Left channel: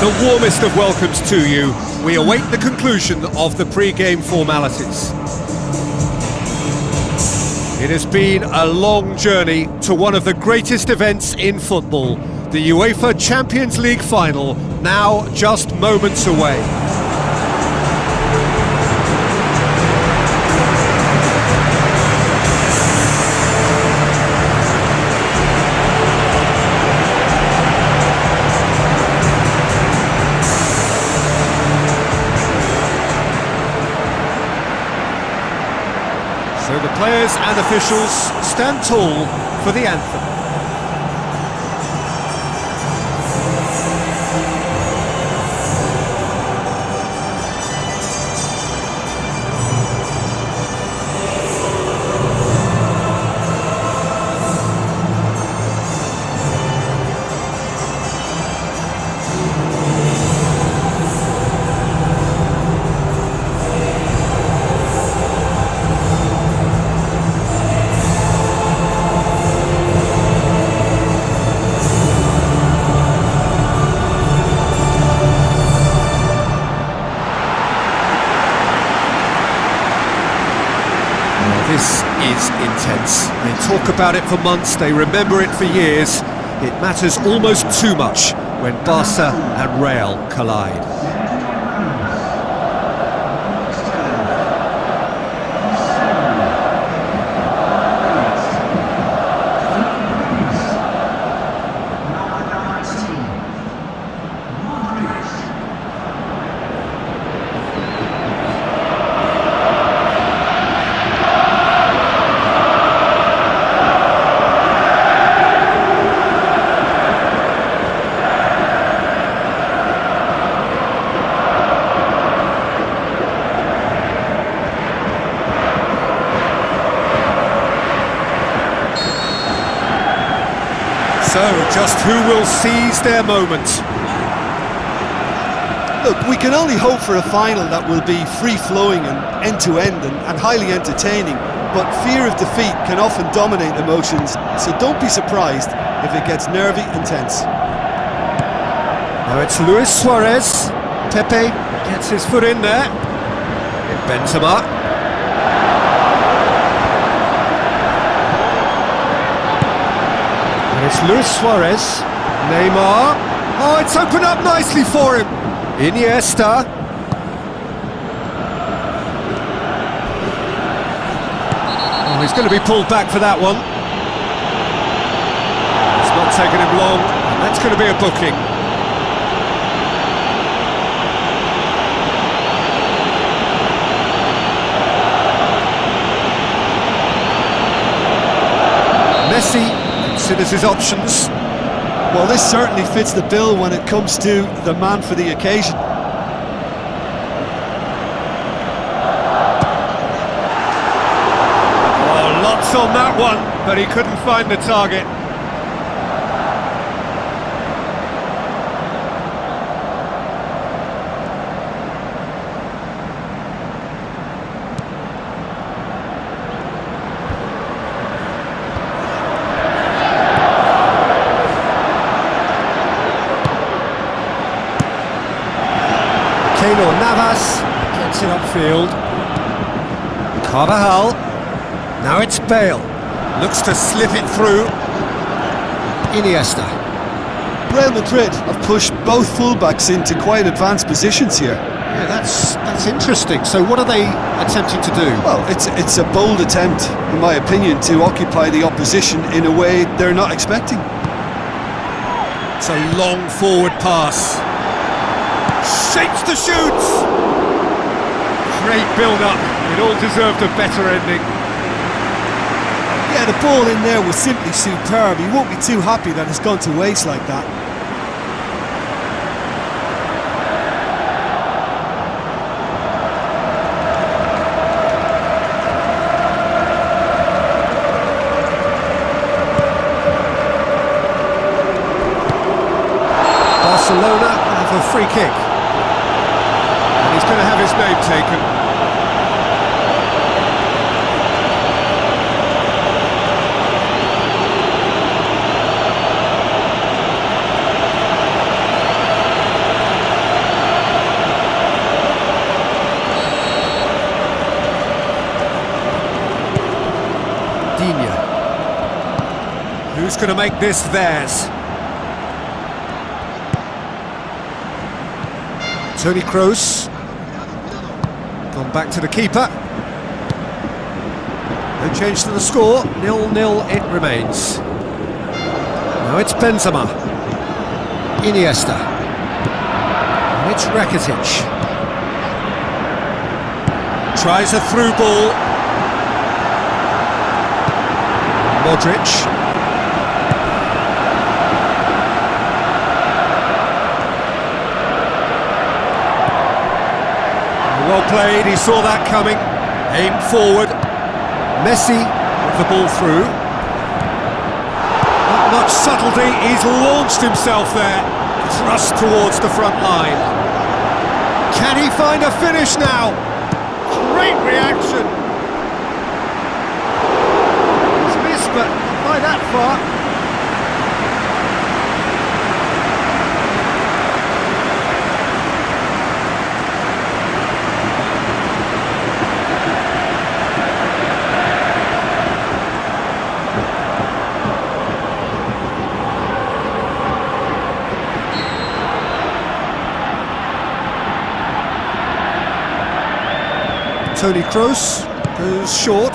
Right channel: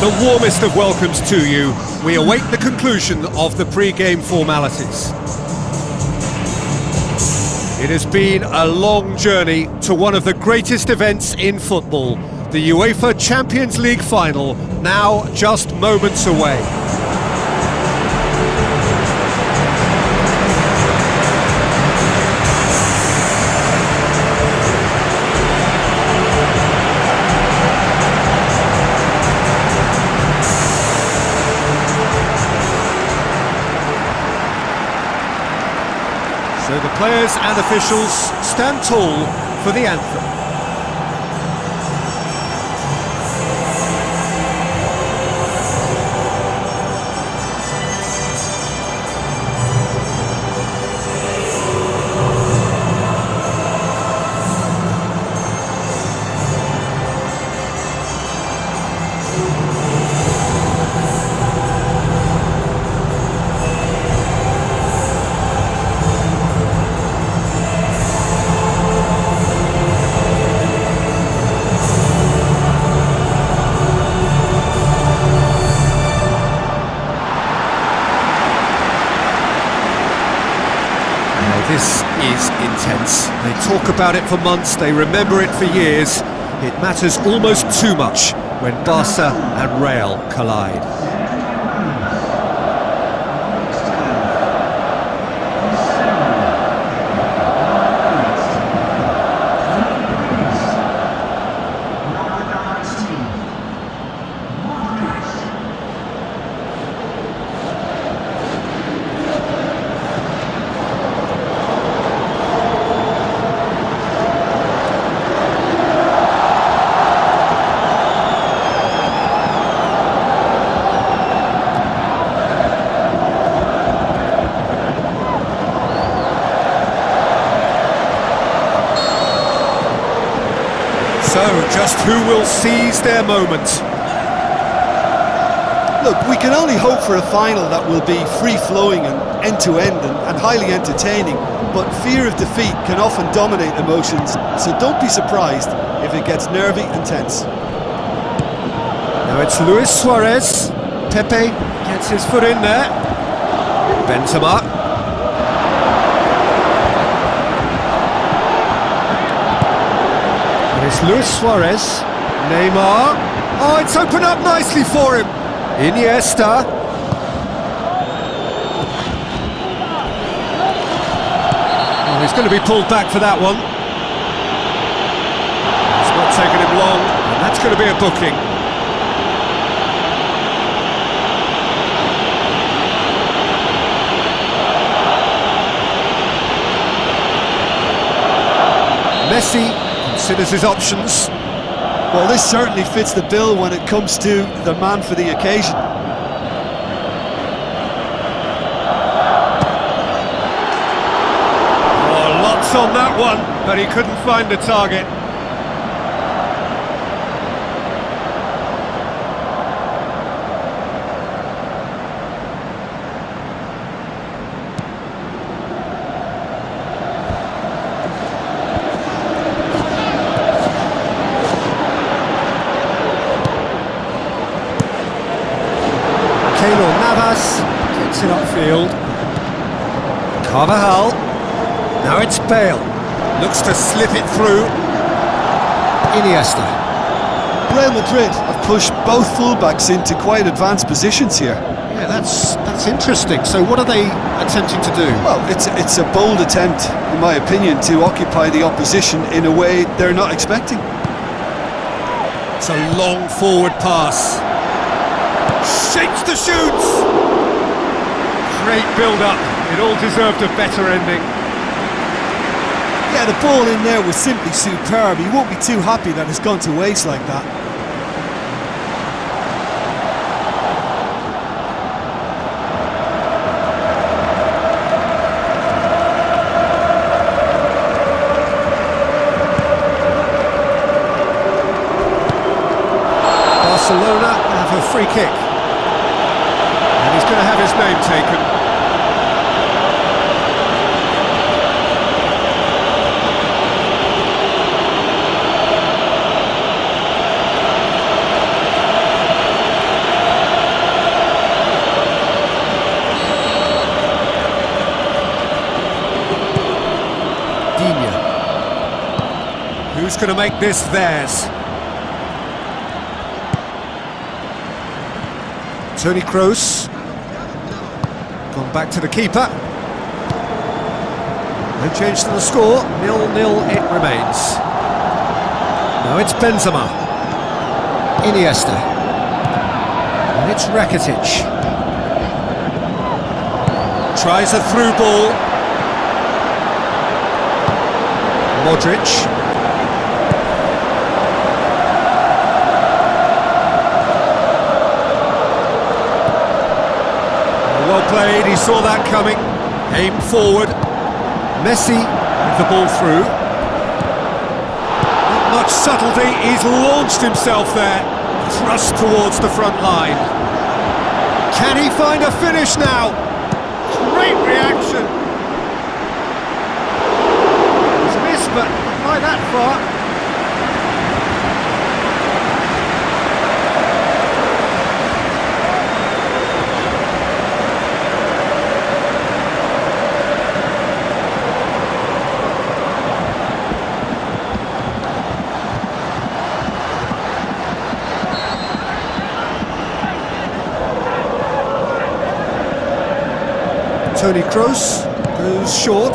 The warmest of welcomes to you. We await the conclusion of the pre-game formalities. It has been a long journey to one of the greatest events in football, the UEFA Champions League final, now just moments away. So the players and officials stand tall for the anthem. Well, this is intense. They talk about it for months, they remember it for years. It matters almost too much when Barca and Real collide. So, just who will seize their moment? Look, we can only hope for a final that will be free-flowing and end-to-end and highly entertaining, but fear of defeat can often dominate emotions, so don't be surprised if it gets nervy and tense. Now it's Luis Suarez. Pepe gets his foot in there. Benzema. And it's Luis Suarez, Neymar. Oh, it's opened up nicely for him. Iniesta. Oh, he's going to be pulled back for that one. It's not taken him long, and that's going to be a booking. Messi considers his options. Well, this certainly fits the bill when it comes to the man for the occasion. Oh, lots on that one, but he couldn't find the target. Keylor Navas gets it upfield. Carvajal. Now it's Bale. Looks to slip it through. Iniesta. Real Madrid have pushed both fullbacks into quite advanced positions here. Yeah, that's interesting. So what are they attempting to do? Well, it's a bold attempt, in my opinion, to occupy the opposition in a way they're not expecting. It's a long forward pass. Shapes the shoots! Great build-up. It all deserved a better ending. Yeah, the ball in there was simply superb. He won't be too happy that it's gone to waste like that. Barcelona have a free kick. And he's going to have his name taken. Who's going to make this theirs? Toni Kroos. Gone back to the keeper. No change to the score. 0-0 it remains. Now it's Benzema. Iniesta. And it's Rakitic. Tries a through ball. Modric. Well played, he saw that coming. Aimed forward. Messi with the ball through. Not much subtlety, he's launched himself there. Thrust towards the front line. Can he find a finish now? Great reaction. He's missed, but not by that far. Toni Kroos goes short.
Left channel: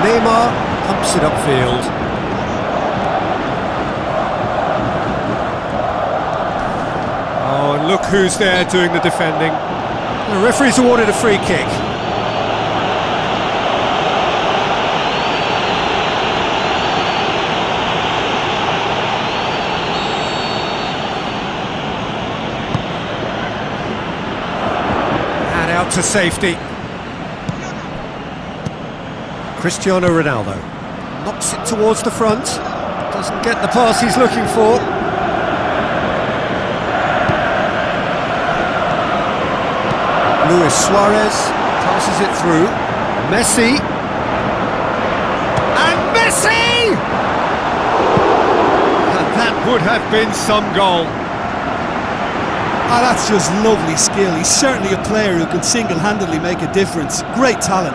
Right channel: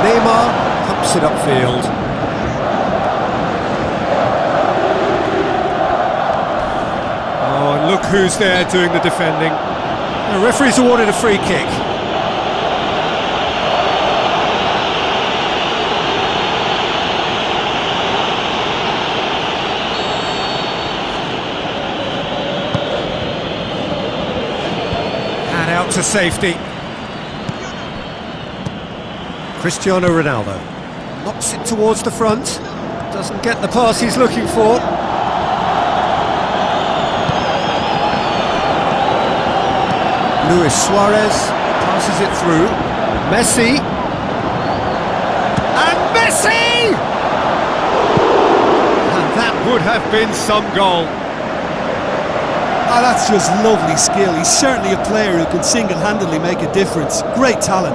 Neymar pumps it upfield. Oh, and look who's there doing the defending. The referee's awarded a free kick. Out to safety. Cristiano Ronaldo knocks it towards the front. Doesn't get the pass he's looking for. Luis Suarez passes it through. Messi. And Messi! And that would have been some goal. Ah, that's just lovely skill. He's certainly a player who can single-handedly make a difference. Great talent.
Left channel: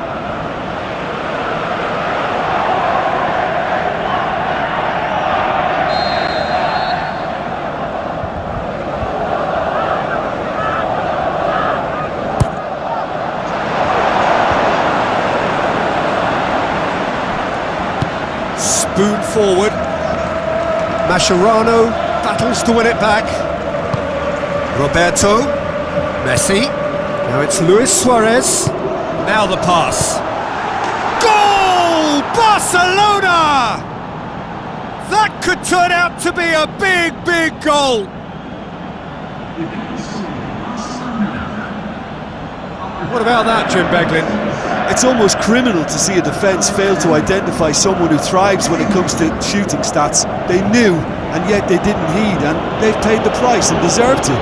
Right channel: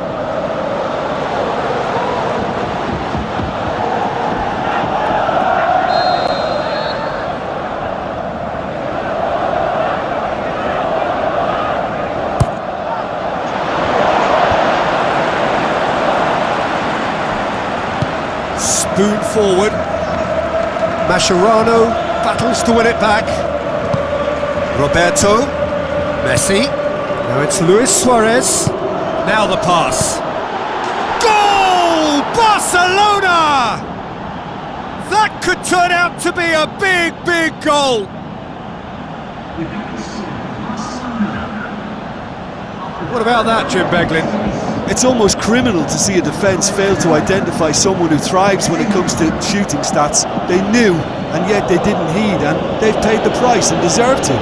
Spoon forward. Mascherano battles to win it back. Roberto, Messi, now it's Luis Suarez, now the pass. Goal! Barcelona! That could turn out to be a big, big goal. What about that, Jim Beglin? It's almost criminal to see a defence fail to identify someone who thrives when it comes to shooting stats. They knew, and yet they didn't heed, and they've paid the price and deserve to.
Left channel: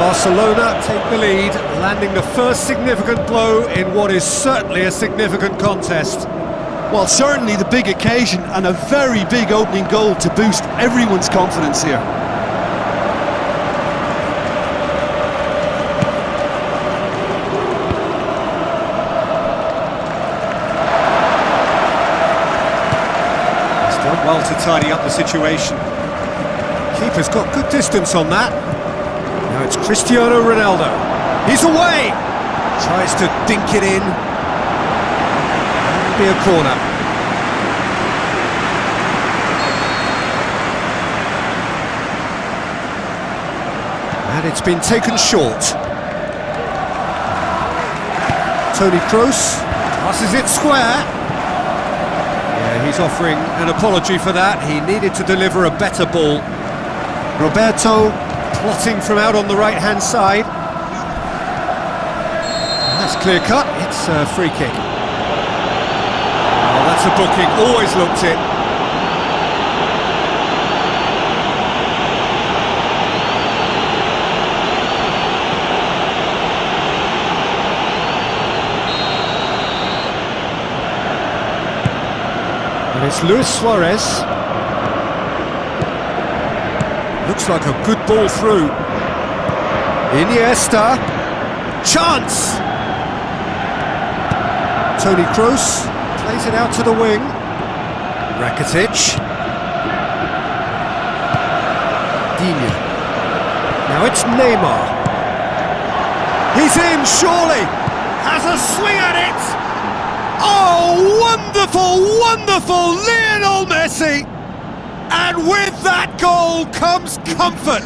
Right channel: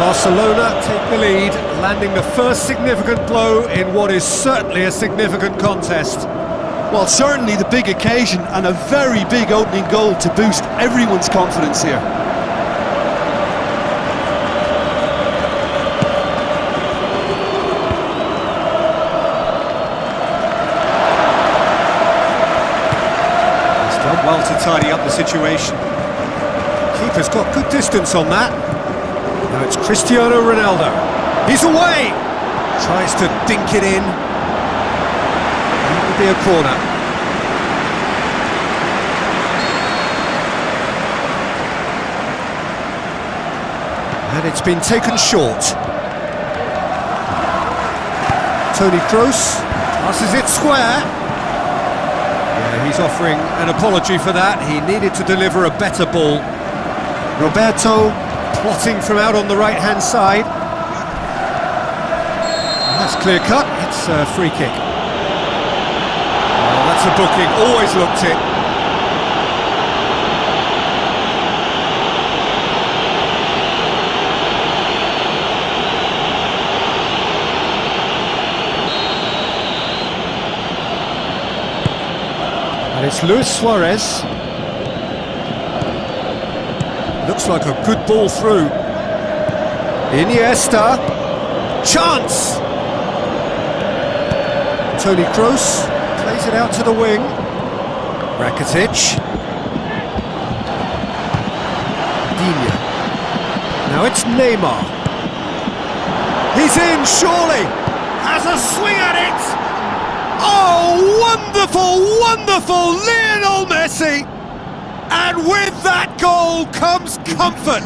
Barcelona take the lead, landing the first significant blow in what is certainly a significant contest. Well, certainly the big occasion and a very big opening goal to boost everyone's confidence here. He's done well to tidy up the situation. Keeper's got good distance on that. Now it's Cristiano Ronaldo. He's away! Tries to dink it in. That'll be a corner. And it's been taken short. Toni Kroos passes it square. Yeah, he's offering an apology for that. He needed to deliver a better ball. Roberto plotting from out on the right-hand side. And that's clear cut, it's a free kick. Oh, that's a booking, always looked it. It's Luis Suarez. Looks like a good ball through. Iniesta. Chance! Toni Kroos plays it out to the wing. Rakitic. Digne. Now it's Neymar. He's in, surely! Has a swing at it! Oh, wonderful, wonderful Lionel Messi! And with that goal comes comfort!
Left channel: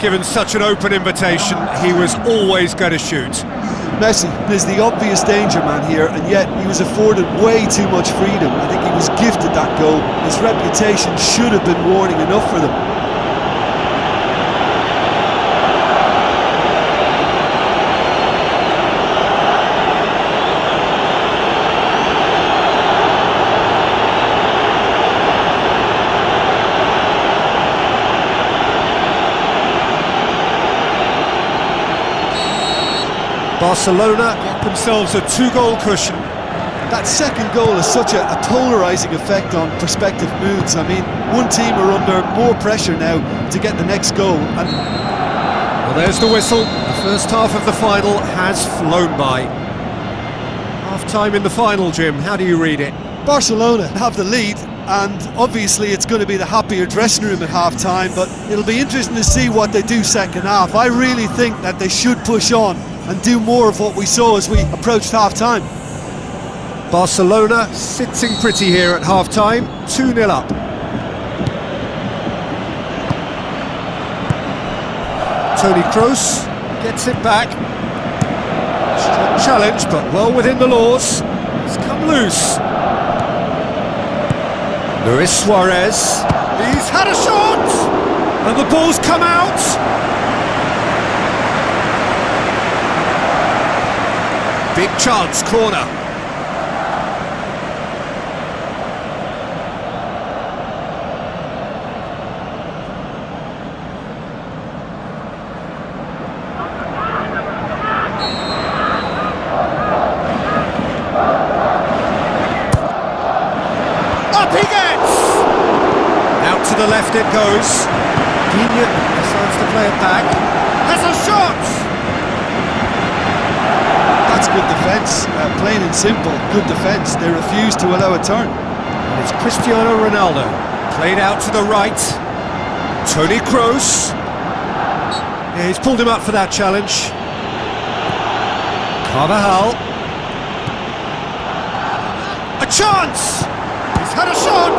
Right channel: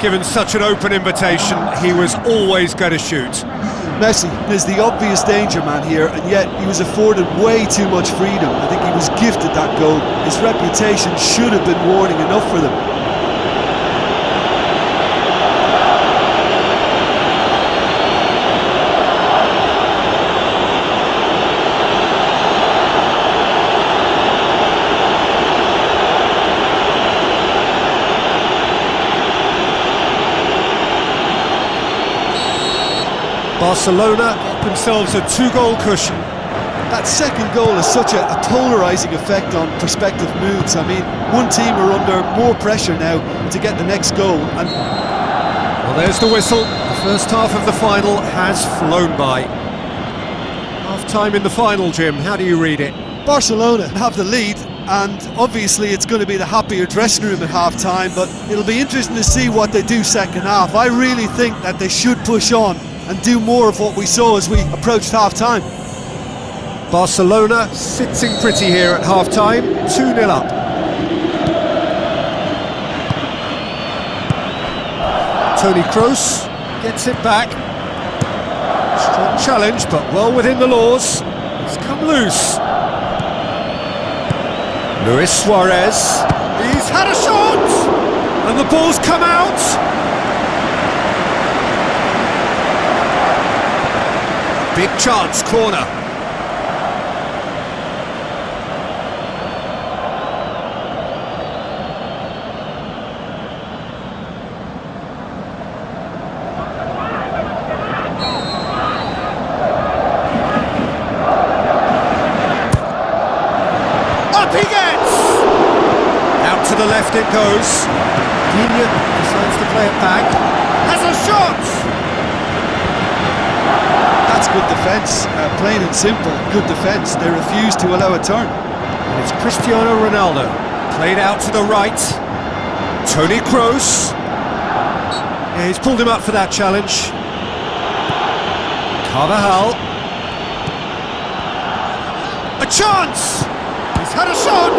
Given such an open invitation, he was always going to shoot. Messi is the obvious danger man here, and yet he was afforded way too much freedom. I think he was gifted that goal. His reputation should have been warning enough for them. Barcelona get themselves a 2-goal cushion. That second goal has such a polarising effect on prospective moods. I mean, one team are under more pressure now to get the next goal. And well, there's the whistle. The first half of the final has flown by. Half-time in the final, Jim. How do you read it? Barcelona have the lead, and obviously it's going to be the happier dressing room at half-time, but it'll be interesting to see what they do second half. I really think that they should push on and do more of what we saw as we approached half-time. Barcelona sitting pretty here at half-time, 2-0 up. Toni Kroos gets it back. Strong challenge, but well within the laws. It's come loose. Luis Suarez. He's had a shot! And the ball's come out! Big chance, corner. Up he gets! Out to the left it goes. Digne decides to play it back. Has a shot! That's good defence, plain and simple, good defence. They refuse to allow a turn. And it's Cristiano Ronaldo, played out to the right. Toni Kroos. Yeah, he's pulled him up for that challenge. Carvajal. A chance! He's had a shot!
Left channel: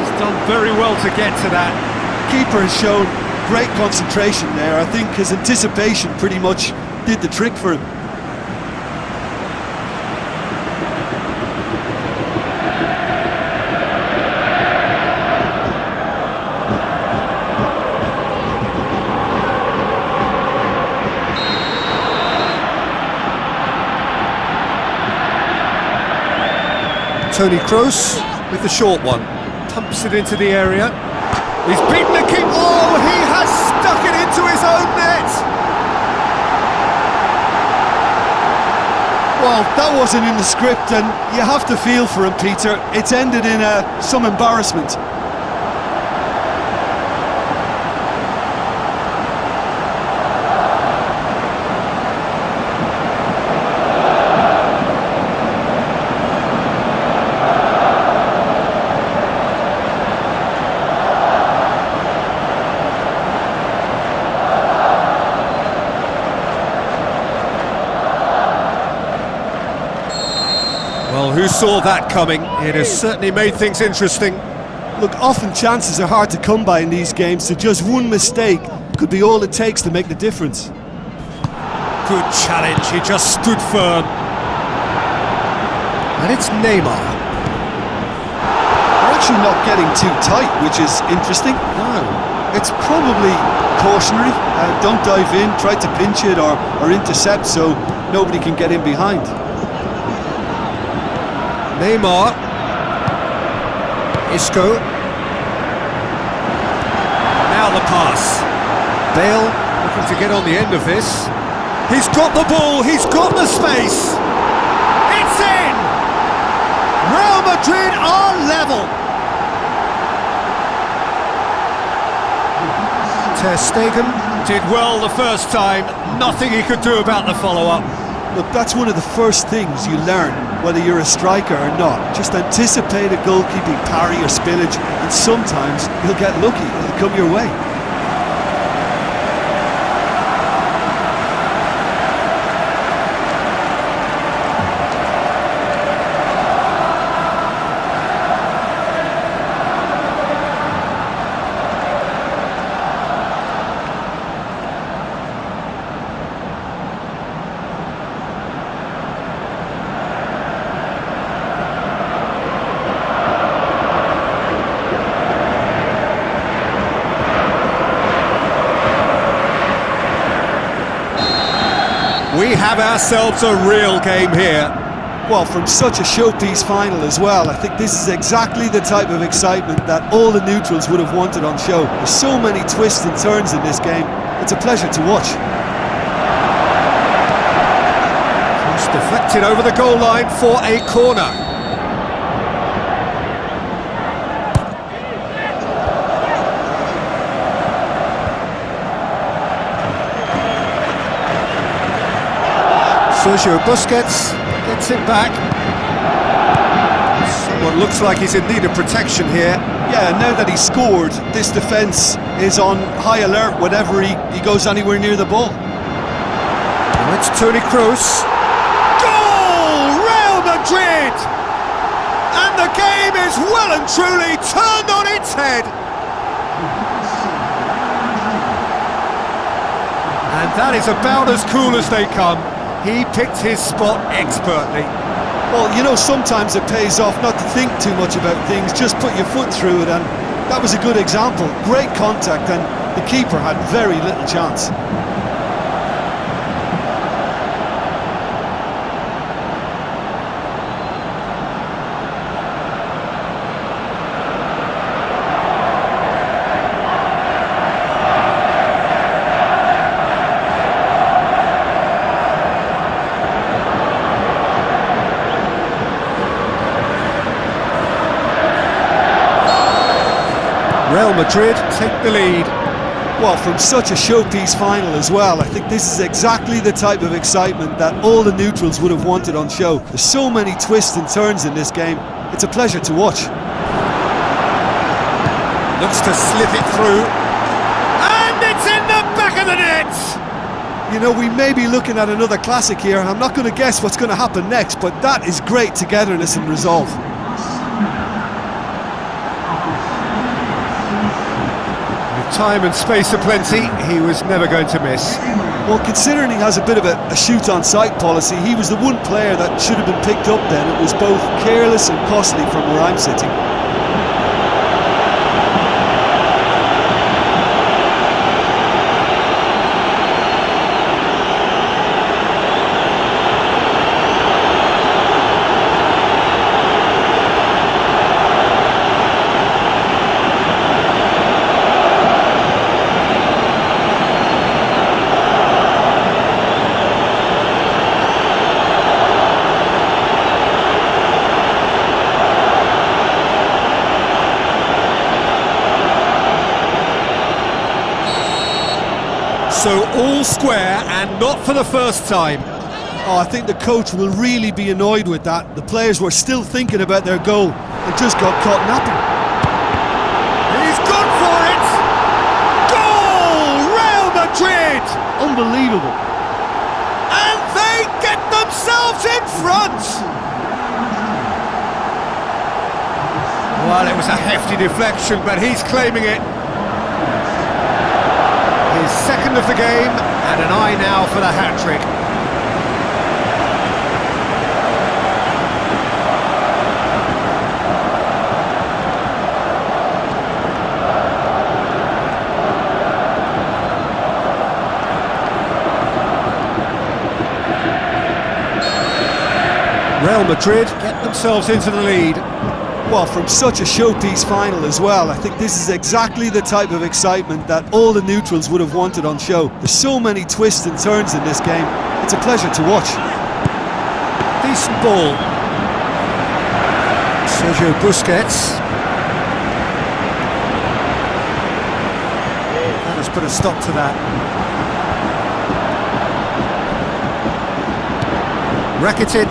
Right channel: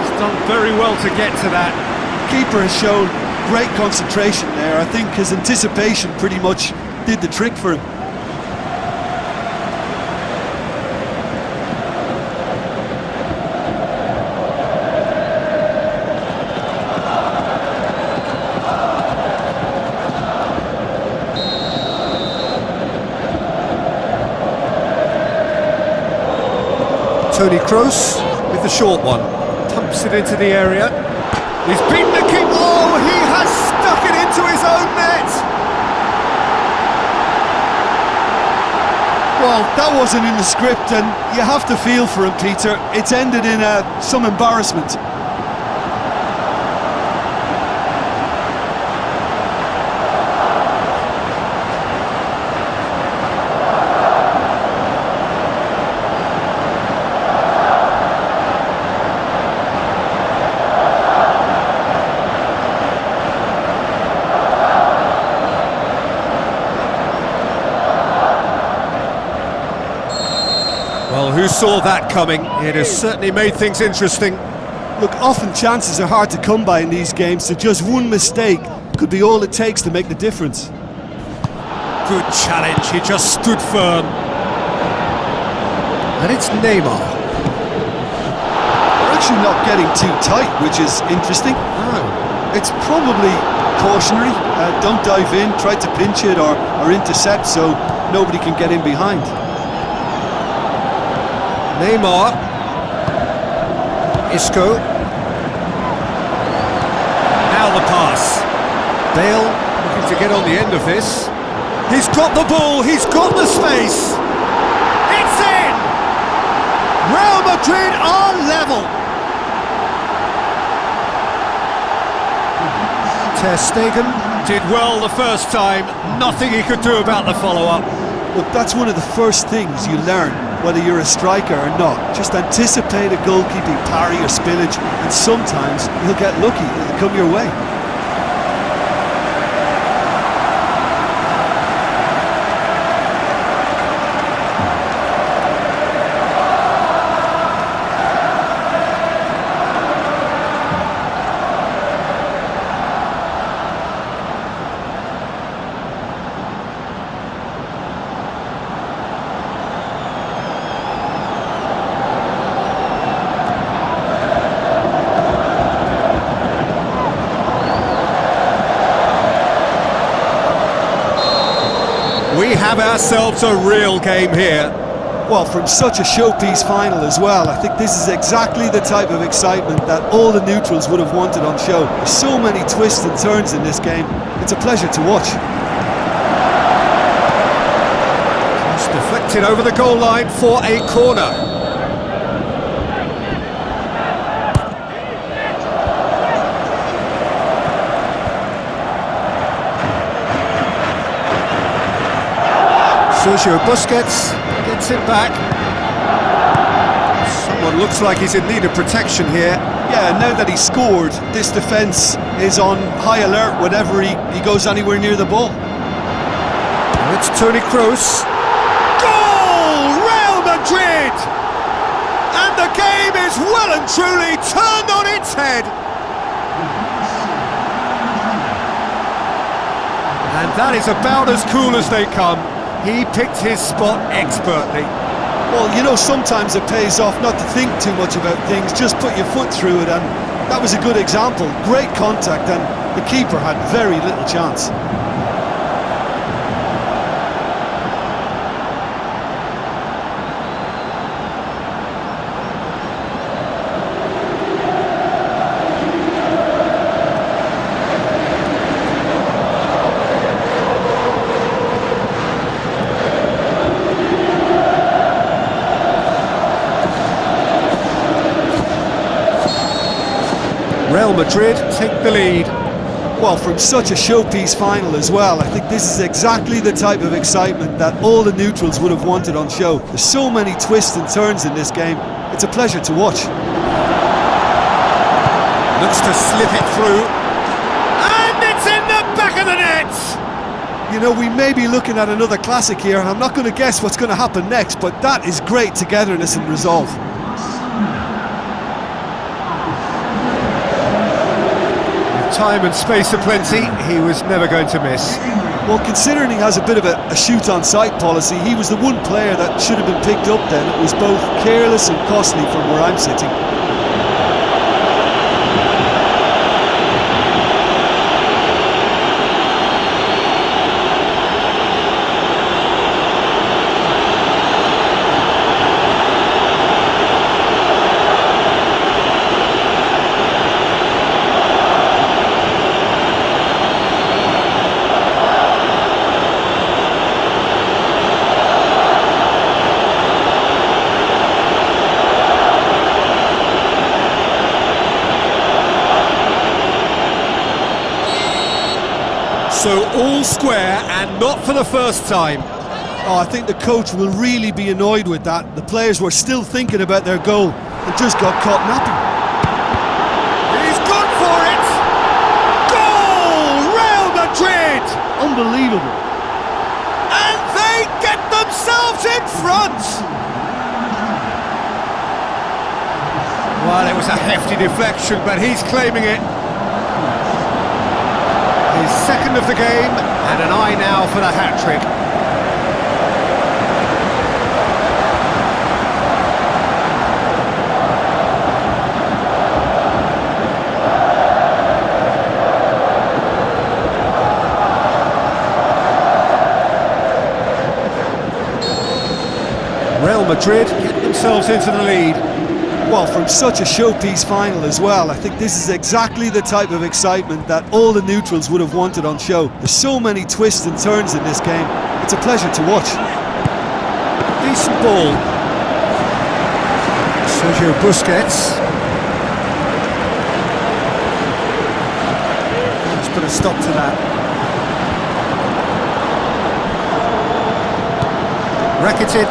He's done very well to get to that. Keeper has shown great concentration there. I think his anticipation pretty much did the trick for him. Toni Kroos with the short one, pumps it into the area. He's beaten the kick. Oh, he has stuck it into his own net. Well, that wasn't in the script, and you have to feel for him, Peter. It's ended in some embarrassment. Well, who saw that coming? It has certainly made things interesting. Look, often chances are hard to come by in these games, so just one mistake could be all it takes to make the difference. Good challenge, he just stood firm. And it's Neymar. They're actually not getting too tight, which is interesting. No. It's probably cautionary. Don't dive in, try to pinch it or intercept so nobody can get in behind. Neymar. Isco. Now the pass. Bale looking to get on the end of this. He's got the ball, he's got the space. It's in! Real Madrid are level. Ter Stegen did well the first time. Nothing he could do about the follow-up. Look, that's one of the first things you learn, whether you're a striker or not. Just anticipate a goalkeeping parry or spillage, and sometimes you'll get lucky, it'll come your way. We have ourselves a real game here. Well, from such a showpiece final as well, I think this is exactly the type of excitement that all the neutrals would have wanted on show. There's so many twists and turns in this game. It's a pleasure to watch. Cross deflected over the goal line for a corner. Sergio Busquets gets it back. Someone looks like he's in need of protection here. Yeah, now that he's scored, this defence is on high alert whenever he goes anywhere near the ball. Now it's Toni Kroos. Goal! Real Madrid! And the game is well and truly turned on its head. And that is about as cool as they come. He picked his spot expertly. Well, you know, sometimes it pays off not to think too much about things, just put your foot through it, and that was a good example. Great contact, and the keeper had very little chance. Real Madrid take the lead. Well, from such a showpiece final as well, I think this is exactly the type of excitement that all the neutrals would have wanted on show. There's so many twists and turns in this game. It's a pleasure to watch. Looks to slip it through. And it's in the back of the net! You know, we may be looking at another classic here. I'm not going to guess what's going to happen next, but that is great togetherness and resolve. Time and space aplenty, he was never going to miss. Well, considering he has a bit of a shoot-on-sight policy, he was the one player that should have been picked up then. It was both careless and costly from where I'm sitting. So all square, and not for the first time. Oh, I think the coach will really be annoyed with that. The players were still thinking about their goal and just got caught napping. He's gone for it! Goal! Real Madrid! Unbelievable. And they get themselves in front! Well, it was a hefty deflection, but he's claiming it. His second of the game, and an eye now for the hat-trick. Real Madrid get themselves into the lead. Well, from such a showpiece final as well, I think this is exactly the type of excitement that all the neutrals would have wanted on show. There's so many twists and turns in this game. It's a pleasure to watch. Decent ball. Sergio Busquets. That has put a stop to that. Rakitic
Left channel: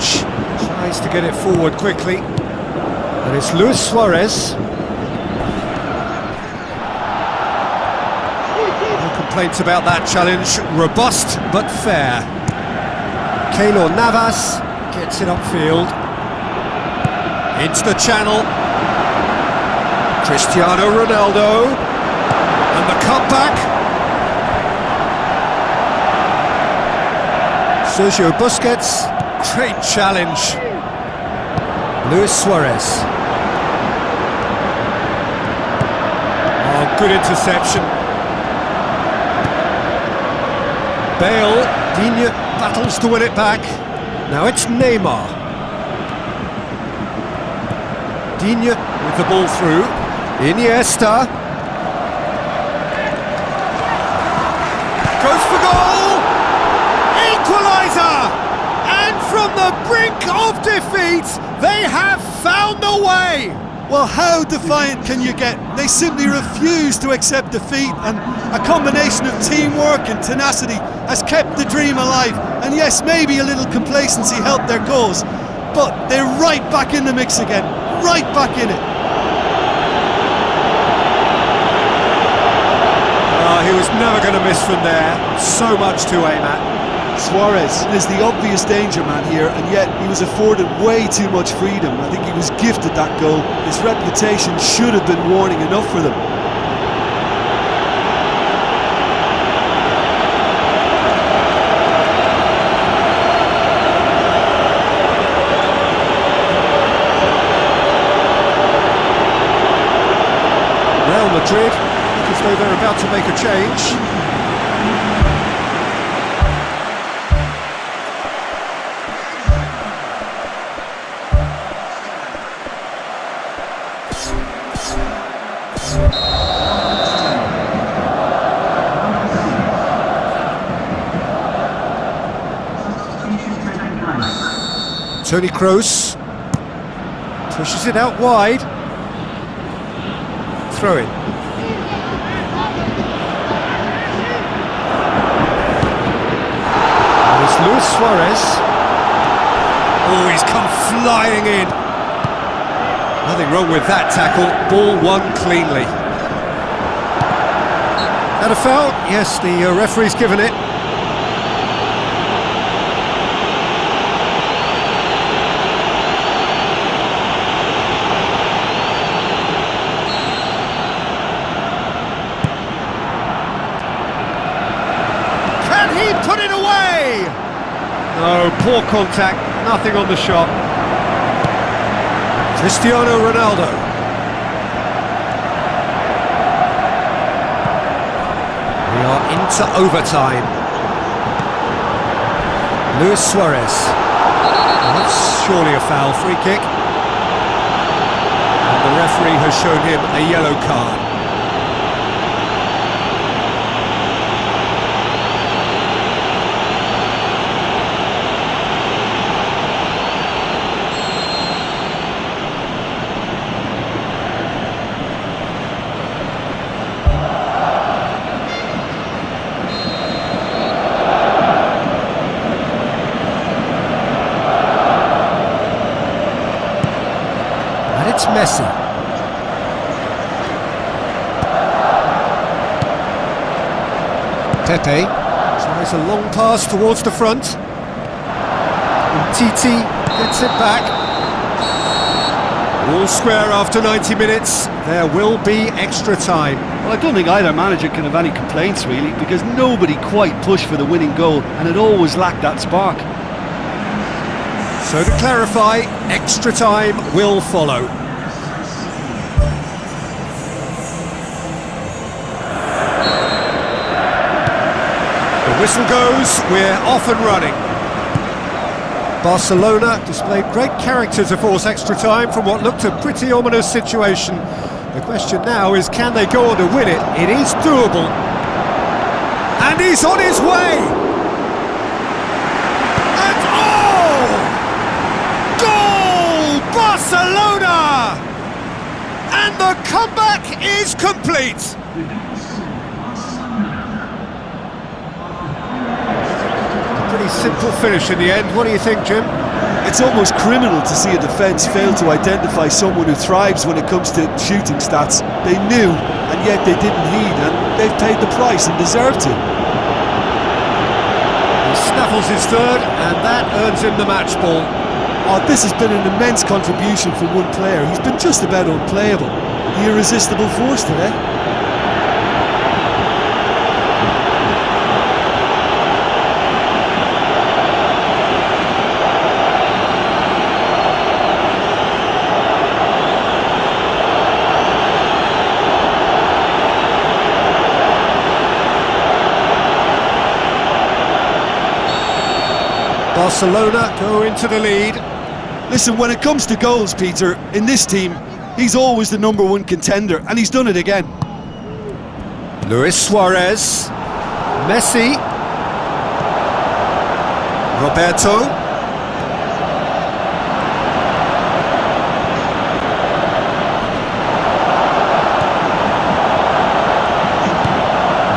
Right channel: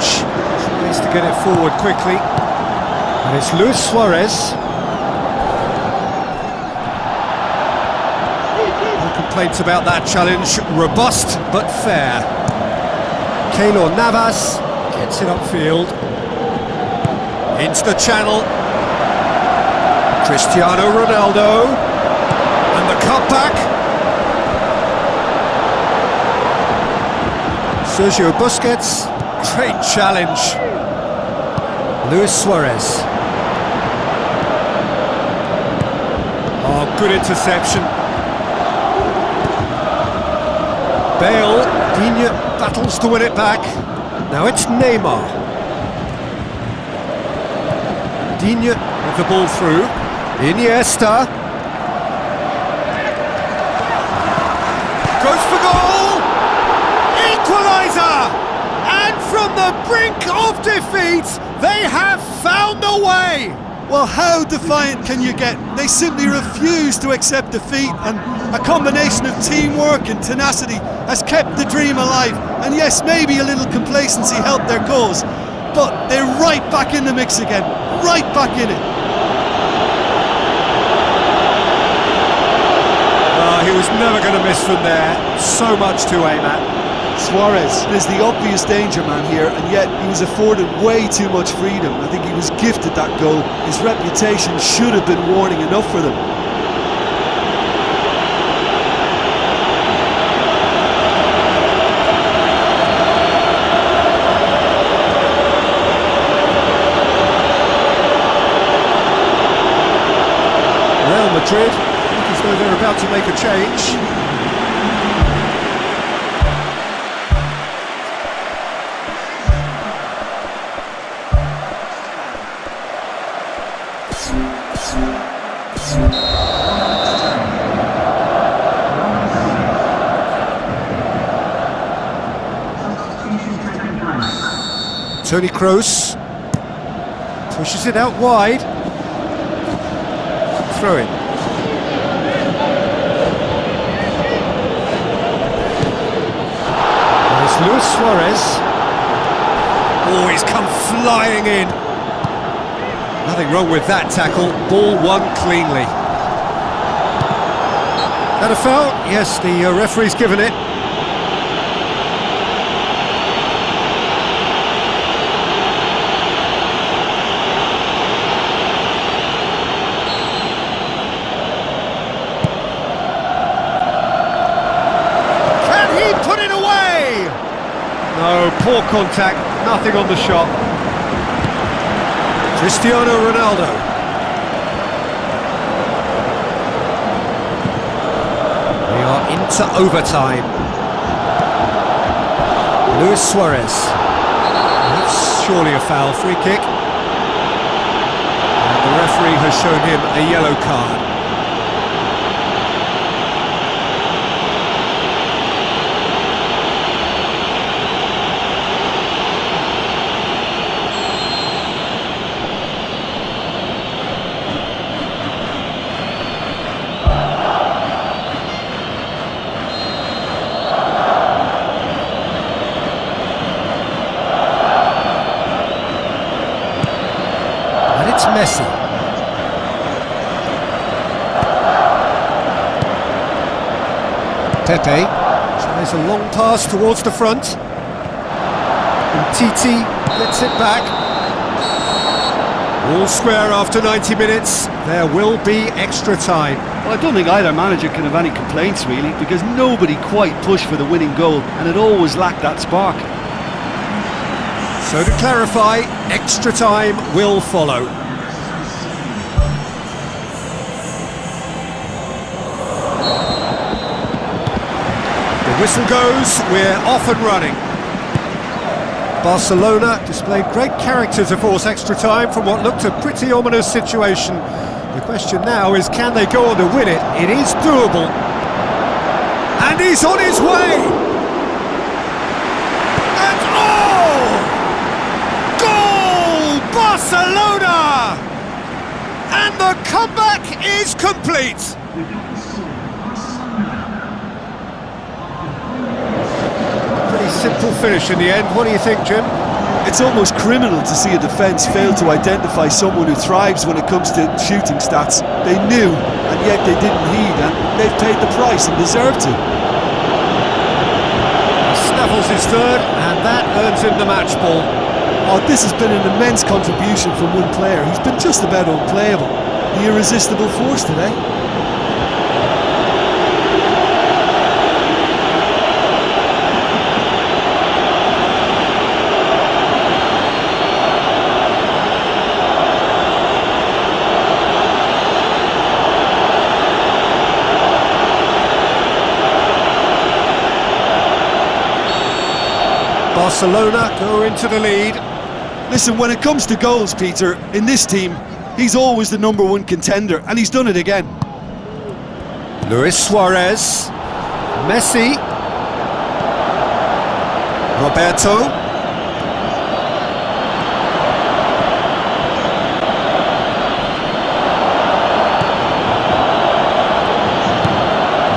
tries to get it forward quickly. And it's Luis Suarez. No complaints about that challenge. Robust but fair. Keylor Navas gets it upfield. Into the channel. Cristiano Ronaldo. And the cutback. Sergio Busquets. Great challenge. Luis Suarez. Oh, good interception. Bale. Digne battles to win it back. Now it's Neymar. Digne with the ball through. Iniesta. Goes for goal! Equaliser! And from the brink of defeat, they have found the way! Well, how defiant can you get? They simply refuse to accept defeat, and a combination of teamwork and tenacity has kept the dream alive. And yes, maybe a little complacency helped their cause, but they're right back in the mix again, right back in it. He was never going to miss from there. So much to aim at. Suarez is the obvious danger man here, and yet he was afforded way too much freedom. I think he was gifted that goal. His reputation should have been warning enough for them. Real Madrid look as though they're about to make a change. Toni Kroos pushes it out wide. Throw in. And it's Luis Suarez. Oh, he's come flying in. Nothing wrong with that tackle. Ball won cleanly. That a foul? Yes, the referee's given it. He put it away! No, poor contact, nothing on the shot. Cristiano Ronaldo. We are into overtime. Luis Suarez. That's surely a foul, free kick. And the referee has shown him a yellow card. It's Messi. Pepe tries a long pass towards the front. And Titi gets it back. All square after 90 minutes. There will be extra time. Well, I don't think either manager can have any complaints, really, because nobody quite pushed for the winning goal, and it always lacked that spark. So to clarify, extra time will follow. The whistle goes, we're off and running. Barcelona displayed great character to force extra time from what looked a pretty ominous situation. The question now is, can they go on to win it? It is doable. And he's on his way! And oh! Barcelona! And the comeback is complete. Pretty simple finish in the end. What do you think, Jim? It's almost criminal to see a defence fail to identify someone who thrives when it comes to shooting stats. They knew, and yet they didn't heed, and they've paid the price and deserve to. He snaffles his third, and that earns him the match ball. Oh, this has been an immense contribution from one player. He's been just about unplayable. The irresistible force today. Barcelona go into the lead. Listen, when it comes to goals, Peter, in this team, he's always the #1 contender, and he's done it again. Luis Suarez, Messi, Roberto,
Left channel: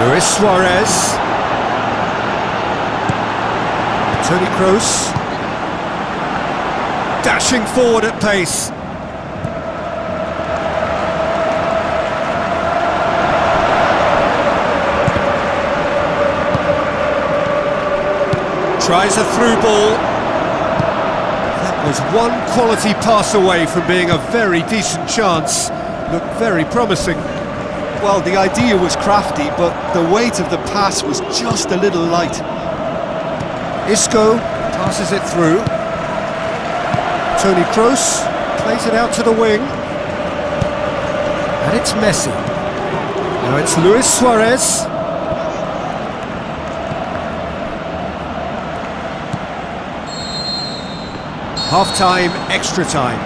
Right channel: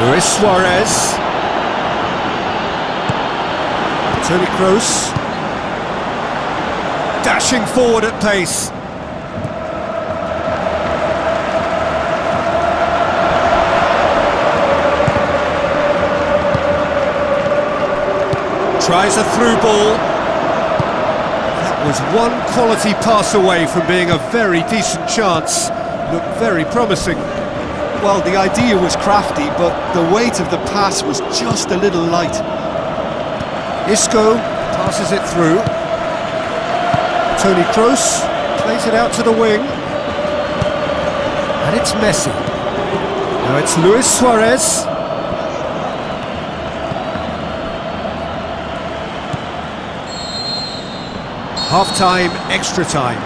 Luis Suarez, Toni Kroos, dashing forward at pace. Tries a through ball. That was one quality pass away from being a very decent chance. Looked very promising. Well, the idea was crafty, but the weight of the pass was just a little light. Isco passes it through. Toni Kroos plays it out to the wing. And it's Messi. Now it's Luis Suarez. Half-time, extra time.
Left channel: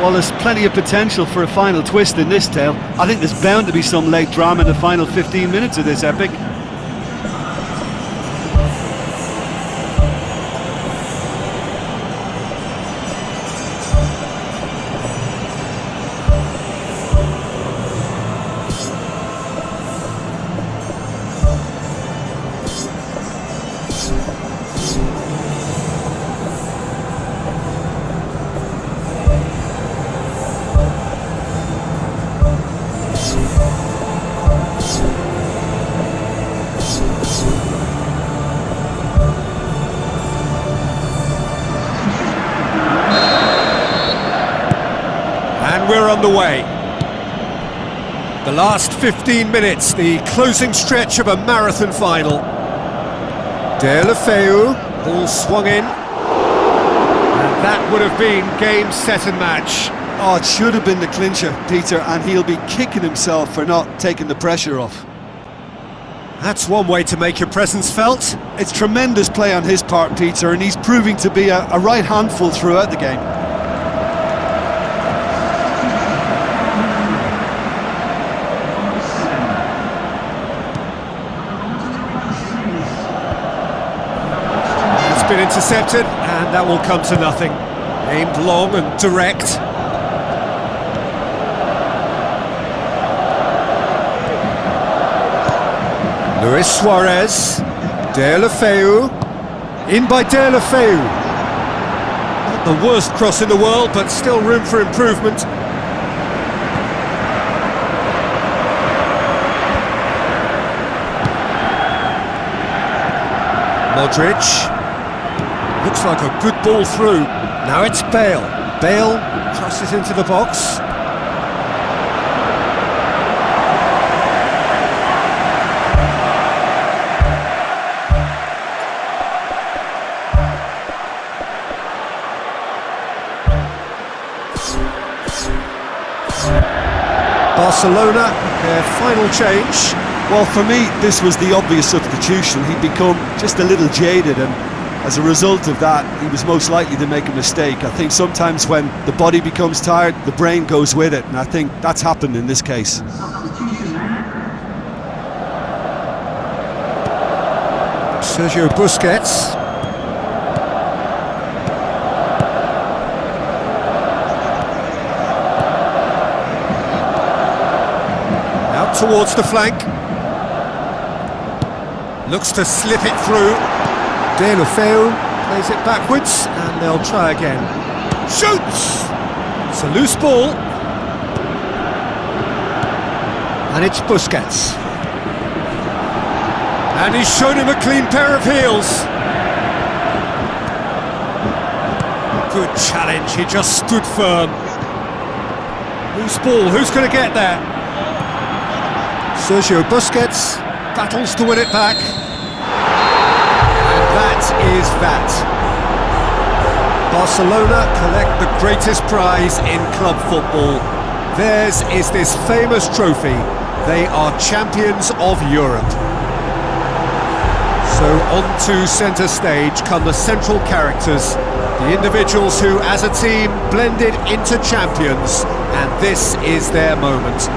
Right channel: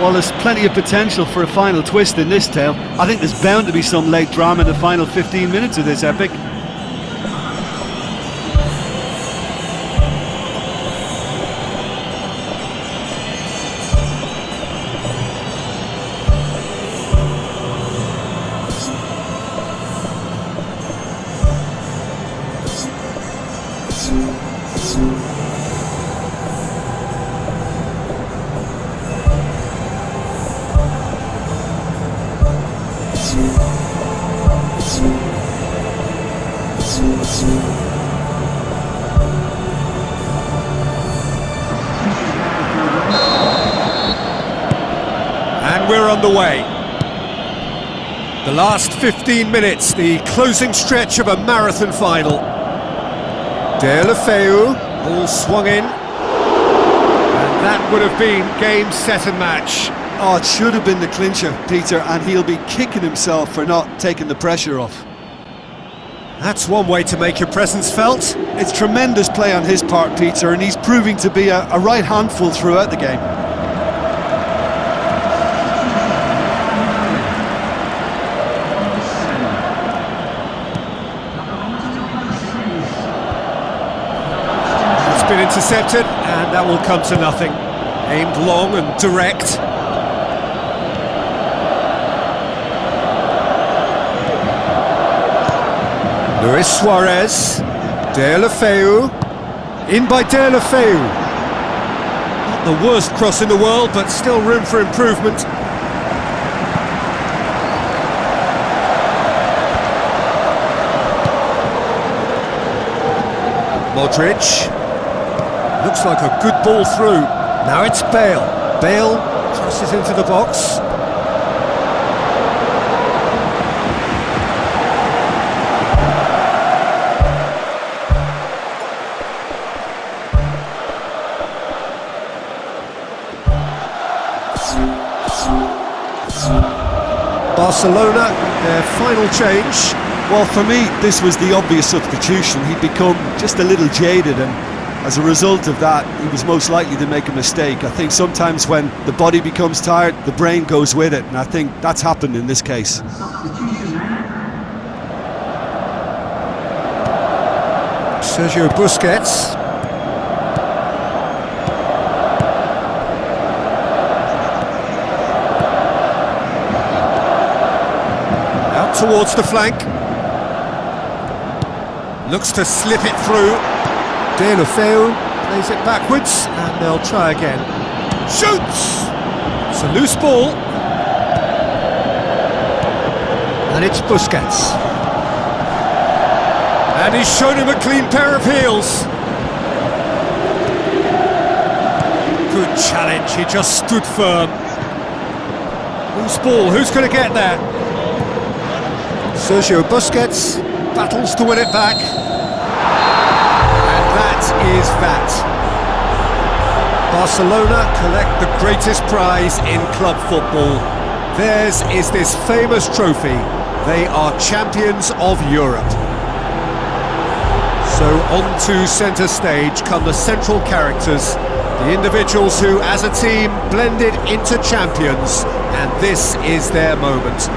Well, there's plenty of potential for a final twist in this tale. I think there's bound to be some late drama in the final 15 minutes of this epic. And we're on the way. The last 15 minutes, the closing stretch of a marathon final. Deulofeu, ball swung in. And that would have been game, set and match. Oh, it should have been the clincher, Peter, and he'll be kicking himself for not taking the pressure off. That's one way to make your presence felt. It's tremendous play on his part, Peter, and he's proving to be a right handful throughout the game. It's been intercepted, and that will come to nothing. Aimed long and direct. Luis Suarez, Deulofeu, in by Deulofeu. Not the worst cross in the world, but still room for improvement. Modric, looks like a good ball through. Now it's Bale. Bale crosses into the box. Barcelona, their final change. Well, for me, this was the obvious substitution. He'd become just a little jaded, and as a result of that, he was most likely to make a mistake. I think sometimes when the body becomes tired, the brain goes with it, and I think that's happened in this case. Sergio Busquets. out towards the flank. Looks to slip it through. Deulofeu plays it backwards, and they'll try again. Shoots! It's a loose ball. And it's Busquets. And he's shown him a clean pair of heels. Good challenge, he just stood firm. Loose ball, who's going to get that? Sergio Busquets battles to win it back. And that is that. Barcelona collect the greatest prize in club football. Theirs is this famous trophy. They are champions of Europe. So on to centre stage come the central characters, the individuals who, as a team, blended into champions, and this is their moment.